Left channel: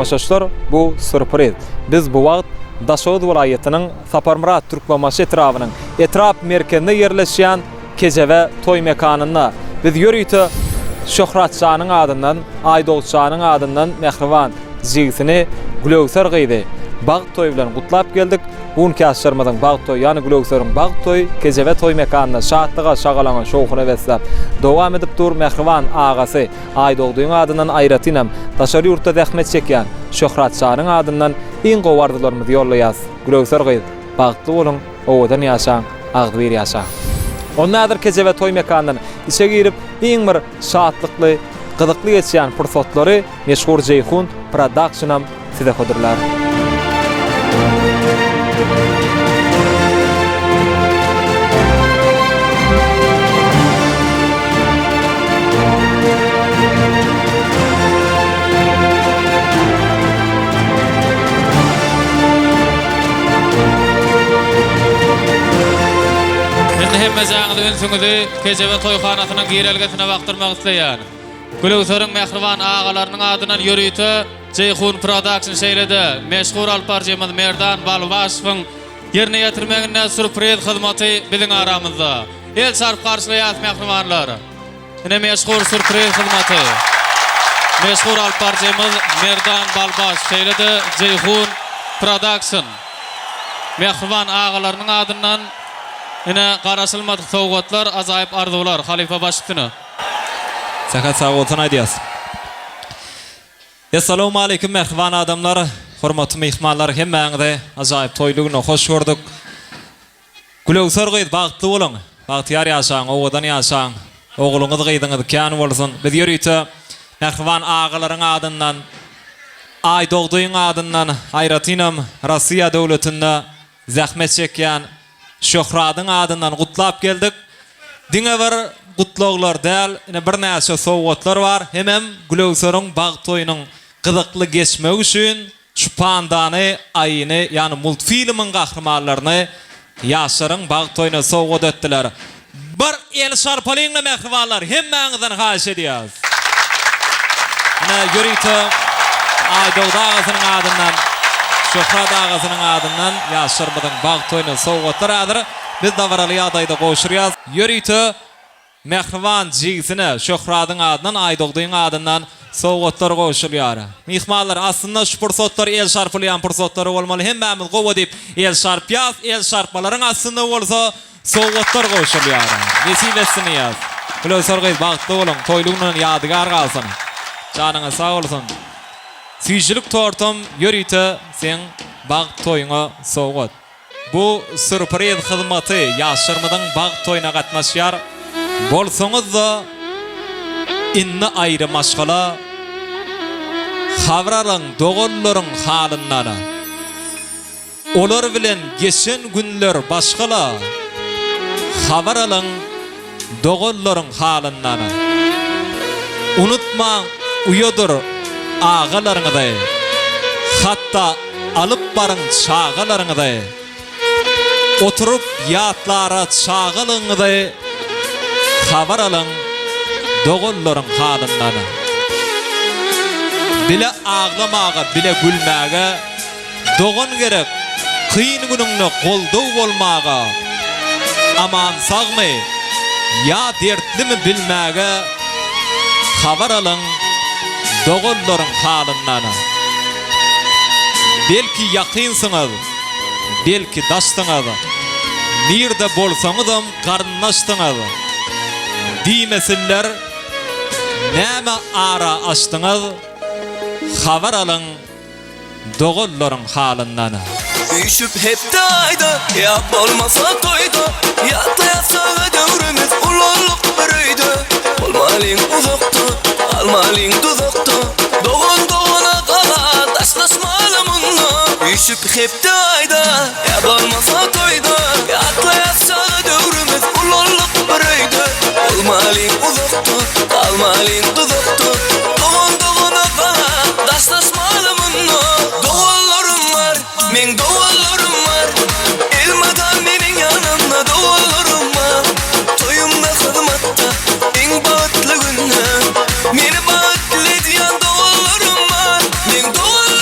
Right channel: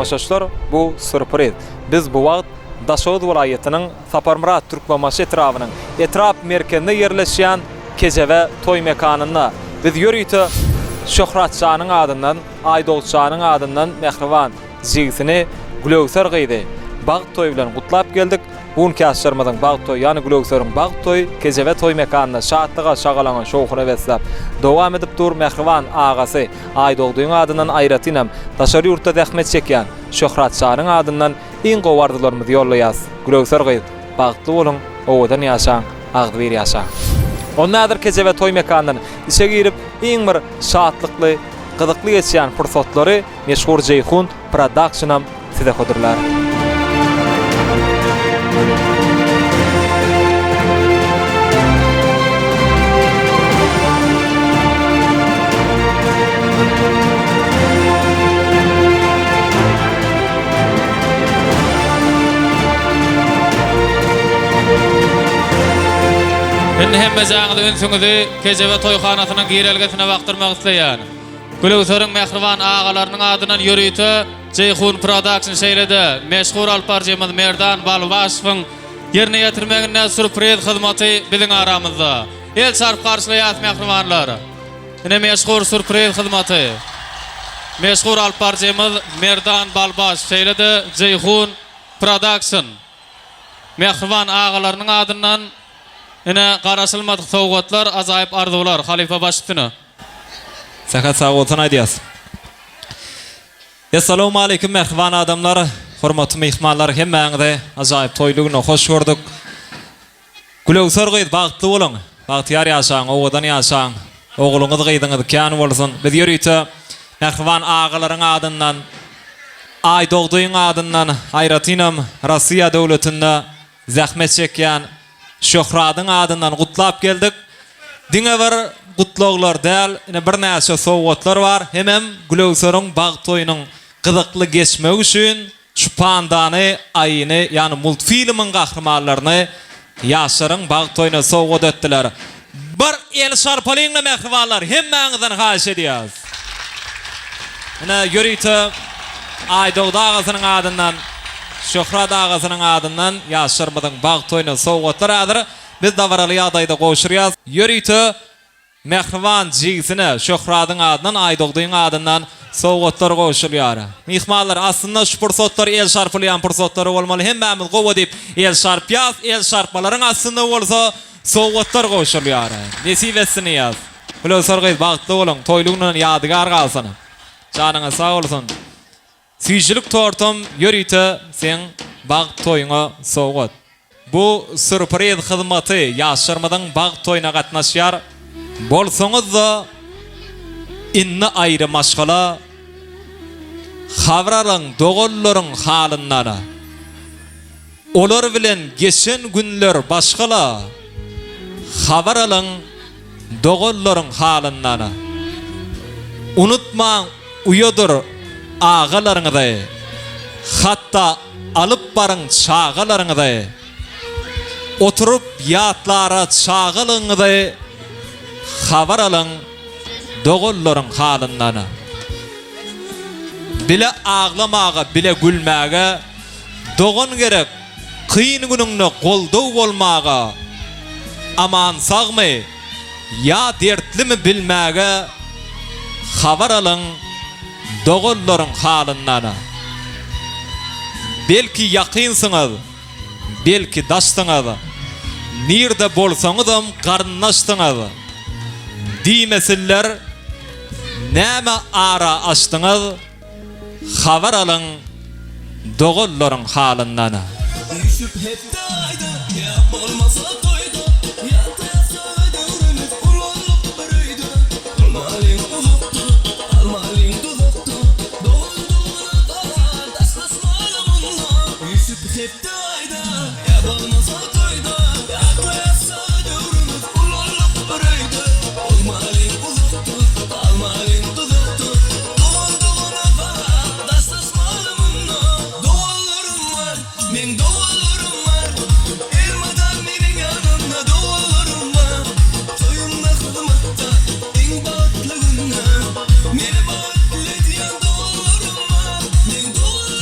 tamaşaçylar, bu sürpriz. Biz bu wagt Daşoğuz welaýatynyň Saparmurat türkmenbaşy etrawynyň etrap merkezinde yerleşýän Kejeve toy mekanynda biz ýörüýte Şöhratçanyň adyndan, Aýdogçanyň adyndan Mehriban jigisini Gülöwser gyýdy. Bag toy bilen gutlap geldik. Bugün käşermeden bag toy, ýani Gülöwser'iň bag toy, Kejeve toy mekanynda şatlyga şagalanan şowhuny beslep dowam edip dur. Mehriban agasy Aýdogdyň adyndan aýratynam daşary ýurtda zähmet çekýän Şöhratçanyň adyndan iň gowardylarymyzy ýollaýas. Gülöwser gyýdy. Bagtly bolun, owadan ýaşaň, agdyr ýaşaň. Onnadır Kejeve toy mekanyndan işe girip iň bir şatlykly, gyzykly geçýän fursatlary meşhur Ceyhun Production'am size hodurlar. Indi hemme jaňyzy ünsüňizi Kejeve toýhanasynyň girelgesine wagtyrmak isleýän Gülöwser'iň Mehriban agalarynyň adyndan ýörüýte Ceyhun Production şeýlede meşhur alparjymyz Merdan Balbaşowyň ýerine ýetirmegine sürpriz hyzmaty biziň aramyzda. El sarp garşylaýar mehribanlar. Ine meşhur sürpriz hyzmaty. Meşhur alparjymyz Merdan Balbaş şeýlede Ceyhun Production Mehriban agalarynyň adyndan ine garaşylmadyk sowgatlar, ajaýyp arzuwlar Halifa başytyny. Sakat sağ olsun aýdýas. Assalamu alaykum mehriban adamlar, hormatly mehmanlar, hemmeňize ajaýyp toýlugyna hoş gördük. Gülöwser gyýdy, bagtly bolun, bagtyar ýaşaň, owadan ýaşaň, ogluňyz gyýdyňyz kän bolsun. Biz ýörüýte mehriban agalaryň adyndan, Aýdogdyň adyndan aýratynam Rossiýa döwletinde zähmet çekýän Şöhratyň adyndan gutlap geldik. Diňe bir gutlaglar däl, ine bir näçe sowgatlar bar. Hemem Gülöwser'iň bag toýunyň gyzykly geçmegi üçin şu pandany, aýyny, ýani multfilmiň gahrymanlaryny ýaşaryň bag toýuna sowgat etdiler. Bir el şarpalyňla mehribanlar, hemmeňizden haýyş edýäs. Ine ýörüýte Aýdogdy agasynyň adyndan, Şöhrat agasynyň adyndan ýaşarmadyň bag toýuna sowgatlar adyr. Biz da baraly ýagdaýda goşurýas. Ýörüýte Mehriban jigisine Şöhratyň adyndan, Aýdogdyň adyndan sowgatlar goşulýar. Mehmanlar, aslında şu pursatlar el şarpylýan pursatlary bolmaly. Hemmämiz gowa dip el şarpýas, el şarpmalaryň aslında bolsa sowgatlar goşulýar. Nesip etsin ýaz. Gülöwser gyýdy, bagtly bolun, toýlugynyň ýadygar galsyn. Janyňa sag bolsun. Süýjilik tortum ýörüýte sen bag toýuňa sowgat. Bu sürpriz hyzmaty ýaşarmadyň bag toýuna gatnaşýar. Bolsaňyz da inne aýry maşgala habraryň dogallaryň halyndan. Olar bilen geçen günler başgala habraryň dogallaryň halyndan. Unutmaň, uýadyr ağalaryňyzy, hatta alyp barın çağalaryňyzy, oturup ýatlara çağalyňyzy habar alyň dogallaryň halyndan. Bile ağlamaga, bile gülmäge dogan gerek, kıyın günüňde goldaw bolmaga, aman sagmy, ýa dertlimi bilmäge habar alyň dogallaryň halyndan. Belki ýakynsyňyz, belki daşdyňyz, nirde bolsaňyzam garnaşdyňyz. Diýmesinler, näme ara açdyňyz, habar alyň dogallaryň halyndan. Düşüp hep dayda, ýap bolmasa toýda, ýatlaýasa döwrümiz ululuk bir öýde. Bolmalyň uzakda, almalyň duzakda, dogan dogana gala taşlaşmaly munda. Düşüp hep dayda, ýap bolmasa toýda, ýatlaýasa döwrümiz ululuk bir öýde. Bolmalyň uzakda, almalyň duzakda, dogan dogana gala taşlaşmaly munda. Doganlarym var, men doganlarym var, elmadan meniň ýanymda doganlarym var. Toýumda hyzmatda iň bagtly günler, meni bagtly diýen doganlarym var, men doganlarym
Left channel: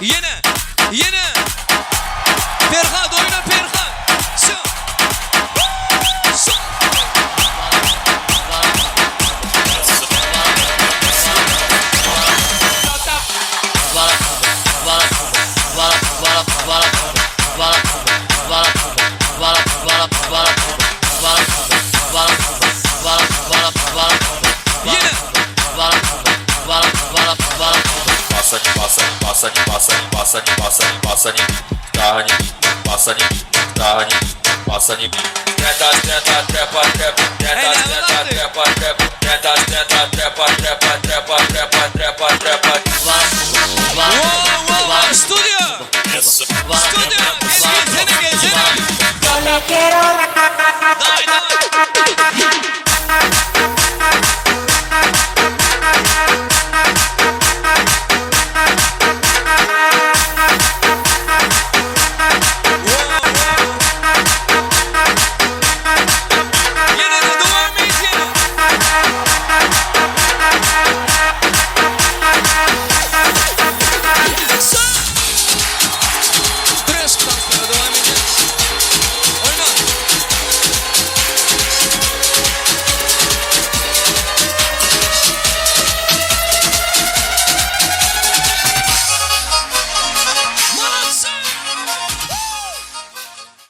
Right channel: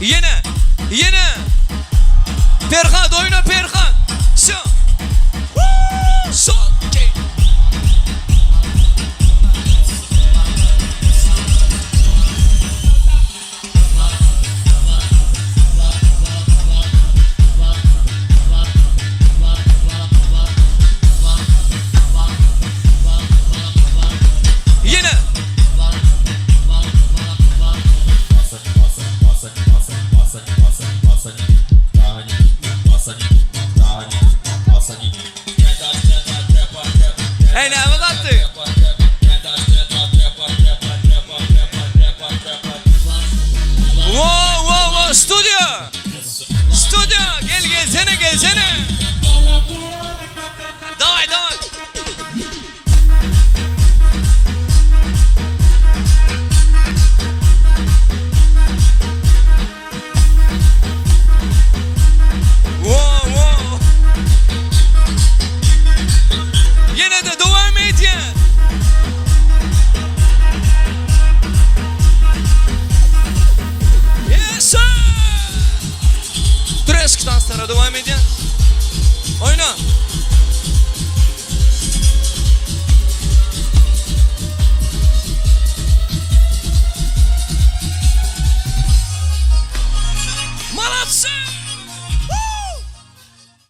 Yine. Perhat oyna Perhat. Şu. Yine. Hey, ne yaptın?